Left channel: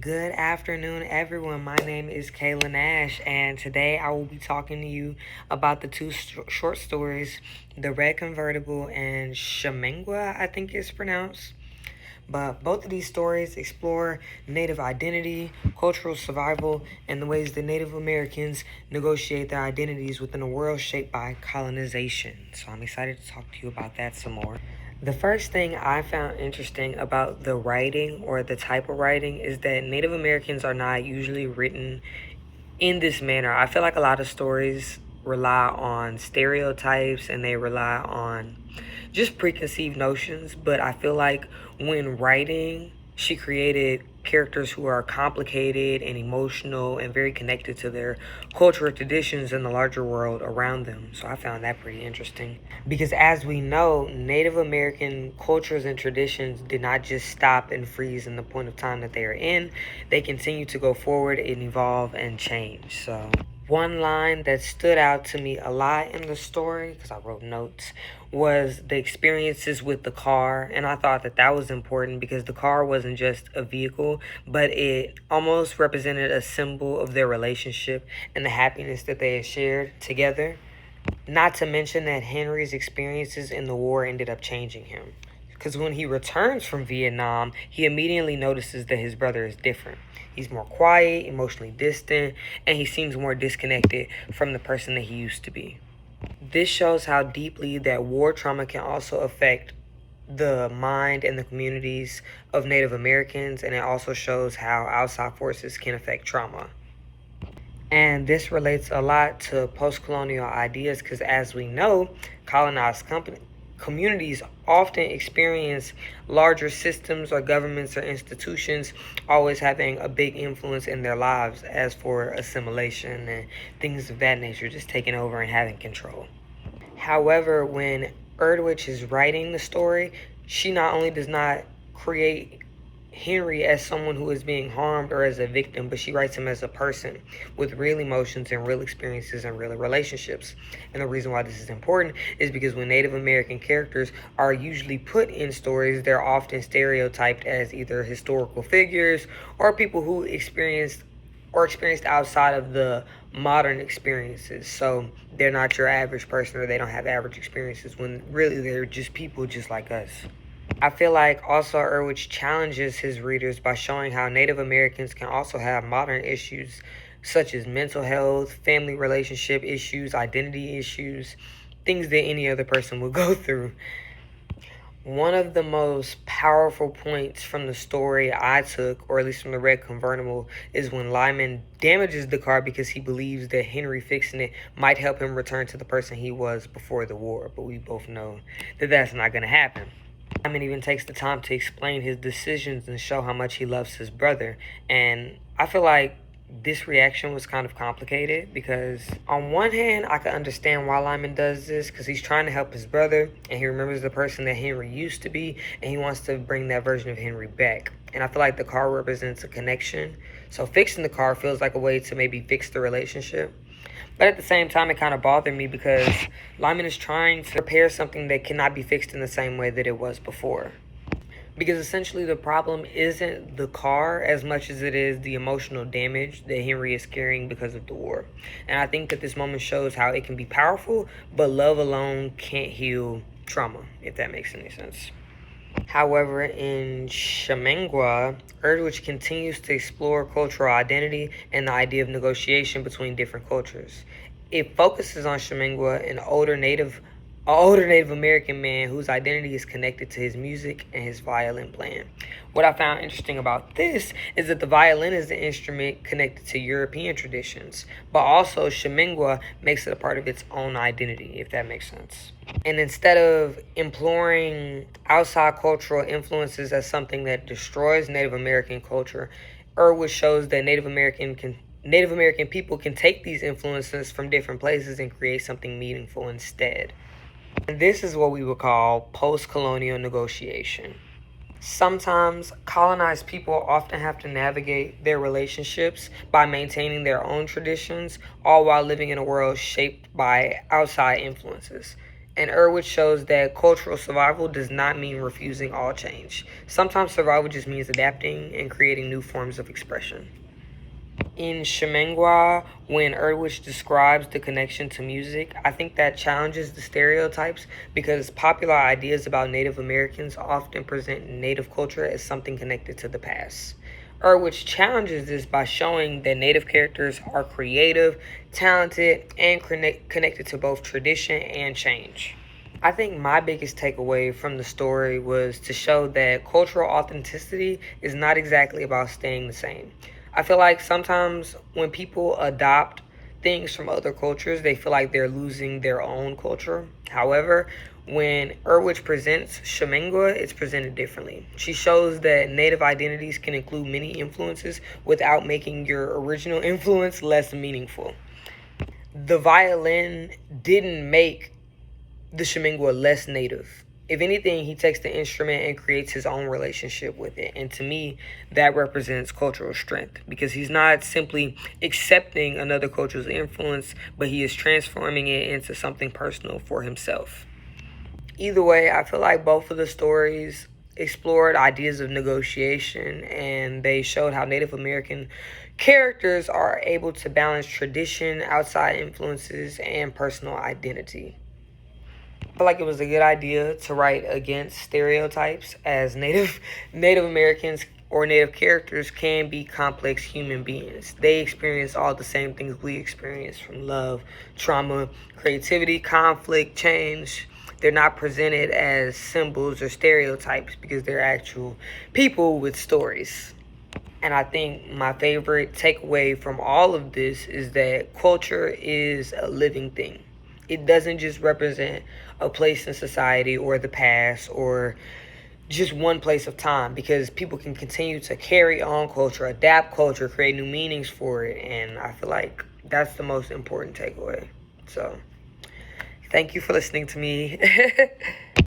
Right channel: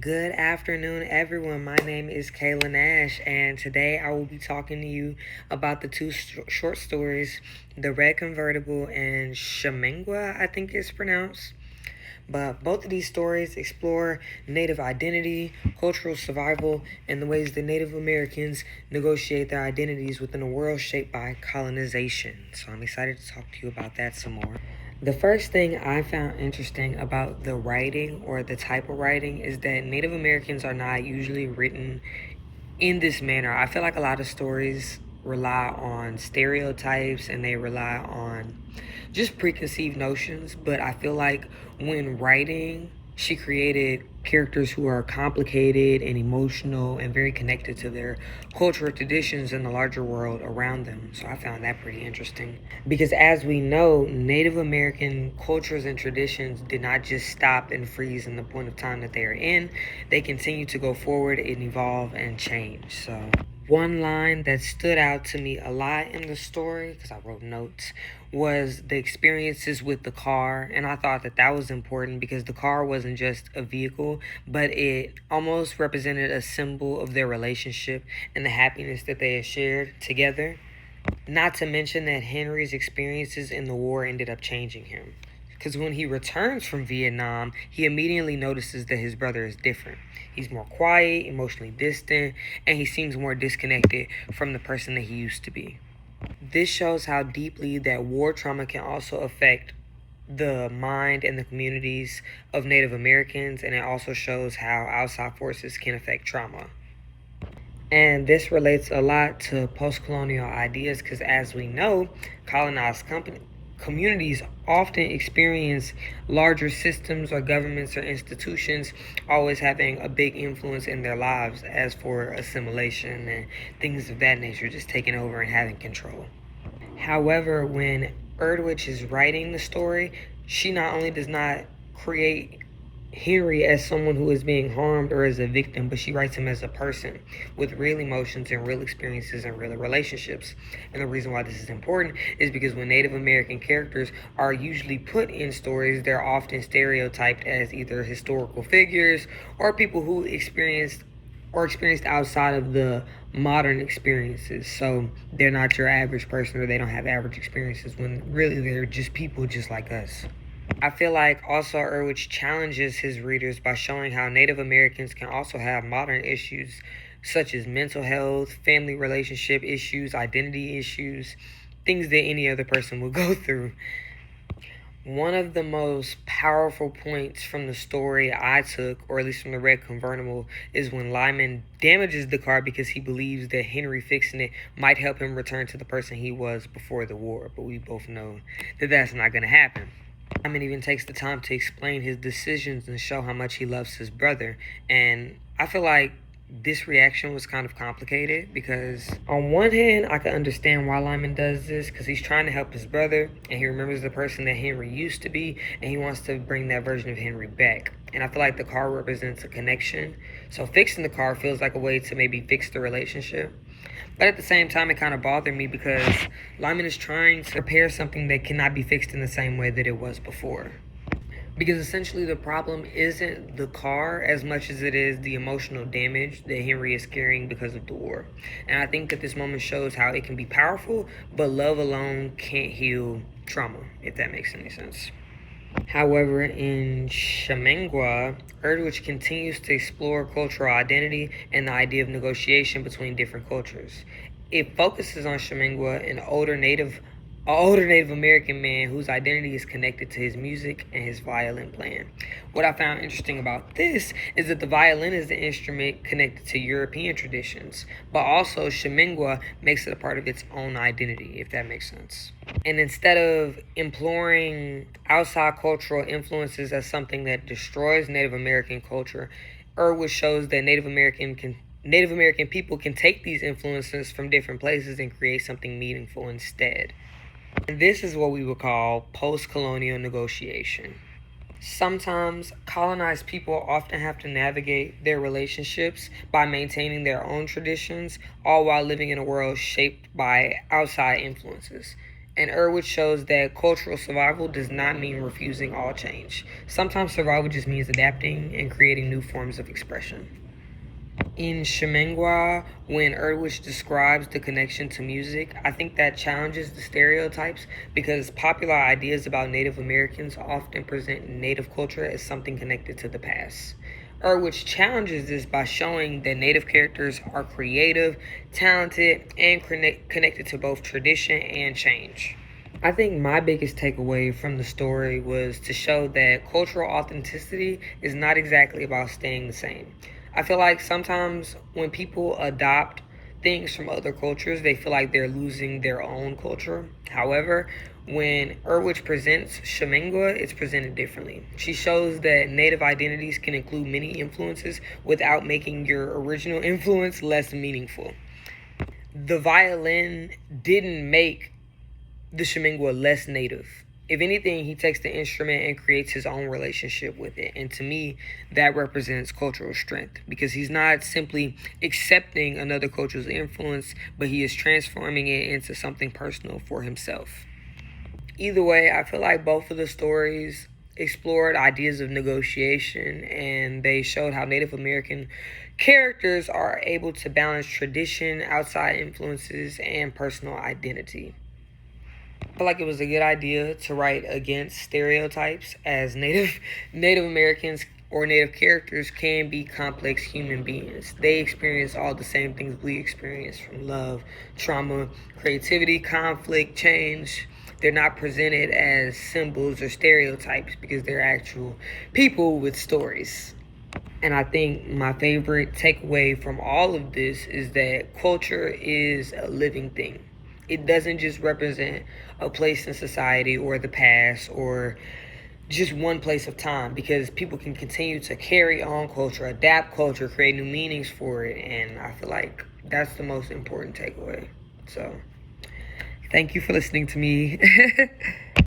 Good afternoon, everyone. My name is Kayla Nash, and today I will be talking to you about the two short stories, The Red Convertible and Shamengwa, I think it's pronounced. But both of these stories explore Native identity, cultural survival, and the ways that Native Americans negotiate their identities within a world shaped by colonization. So I'm excited to talk to you about that some more. The first thing I found interesting about the writing or the type of writing is that Native Americans are not usually written in this manner. I feel like a lot of stories rely on stereotypes and they rely on just preconceived notions, but I feel like when writing, she created characters who are complicated and emotional and very connected to their cultural traditions and the larger world around them. So I found that pretty interesting. Because as we know, Native American cultures and traditions did not just stop and freeze in the point of time that they are in. They continue to go forward and evolve and change. So one line that stood out to me a lot in the story, because I wrote notes, was the experiences with the car. And I thought that that was important because the car wasn't just a vehicle, but it almost represented a symbol of their relationship and the happiness that they had shared together. Not to mention that Henry's experiences in the war ended up changing him. Because when he returns from Vietnam, he immediately notices that his brother is different. He's more quiet, emotionally distant, and he seems more disconnected from the person that he used to be. This shows how deeply that war trauma can also affect the mind and the communities of Native Americans, and it also shows how outside forces can affect trauma. And this relates a lot to post-colonial ideas because, as we know, colonized communities often experience larger systems or governments or institutions always having a big influence in their lives as for assimilation and things of that nature, just taking over and having control. However, when Erdwich is writing the story, she not only does not create Henry as someone who is being harmed or as a victim, but she writes him as a person with real emotions and real experiences and real relationships. And the reason why this is important is because when Native American characters are usually put in stories, they're often stereotyped as either historical figures or people who experienced outside of the modern experiences. So they're not your average person or they don't have average experiences when really they're just people just like us. I feel like also Erwich challenges his readers by showing how Native Americans can also have modern issues such as mental health, family relationship issues, identity issues, things that any other person would go through. One of the most powerful points from the story I took, or at least from the Red Convertible, is when Lyman damages the car because he believes that Henry fixing it might help him return to the person he was before the war. But we both know that that's not going to happen. Lyman even takes the time to explain his decisions and show how much he loves his brother. And I feel like this reaction was kind of complicated because on one hand I can understand why Lyman does this because he's trying to help his brother and he remembers the person that Henry used to be and he wants to bring that version of Henry back. And I feel like the car represents a connection, so fixing the car feels like a way to maybe fix the relationship. But at the same time, it kind of bothered me because Lyman is trying to repair something that cannot be fixed in the same way that it was before. Because essentially the problem isn't the car as much as it is the emotional damage that Henry is carrying because of the war. And I think that this moment shows how it can be powerful, but love alone can't heal trauma, if that makes any sense. However, in Shamengwa, Erdwich continues to explore cultural identity and the idea of negotiation between different cultures. It focuses on Shamengwa, an older Native American man whose identity is connected to his music and his violin playing. What I found interesting about this is that the violin is the instrument connected to European traditions, but also Shamengwa makes it a part of its own identity, if that makes sense. And instead of imploring outside cultural influences as something that destroys Native American culture, Irwin shows that Native American people can take these influences from different places and create something meaningful instead. And this is what we would call post-colonial negotiation. Sometimes colonized people often have to navigate their relationships by maintaining their own traditions, all while living in a world shaped by outside influences. And Erwich shows that cultural survival does not mean refusing all change. Sometimes survival just means adapting and creating new forms of expression. In Shamengwa, when Erdwich describes the connection to music, I think that challenges the stereotypes because popular ideas about Native Americans often present Native culture as something connected to the past. Erdwich challenges this by showing that Native characters are creative, talented, and connected to both tradition and change. I think my biggest takeaway from the story was to show that cultural authenticity is not exactly about staying the same. I feel like sometimes when people adopt things from other cultures, they feel like they're losing their own culture. However, when Erwich presents Shamengwa, it's presented differently. She shows that Native identities can include many influences without making your original influence less meaningful. The violin didn't make the Shamengwa less Native. If anything, he takes the instrument and creates his own relationship with it. And to me, that represents cultural strength because he's not simply accepting another culture's influence, but he is transforming it into something personal for himself. Either way, I feel like both of the stories explored ideas of negotiation and they showed how Native American characters are able to balance tradition, outside influences, and personal identity. I feel like it was a good idea to write against stereotypes as Native Americans or Native characters can be complex human beings. They experience all the same things we experience from love, trauma, creativity, conflict, change. They're not presented as symbols or stereotypes because they're actual people with stories. And I think my favorite takeaway from all of this is that culture is a living thing. It doesn't just represent a place in society or the past or just one place of time because people can continue to carry on culture, adapt culture, create new meanings for it. And I feel like that's the most important takeaway. So thank you for listening to me.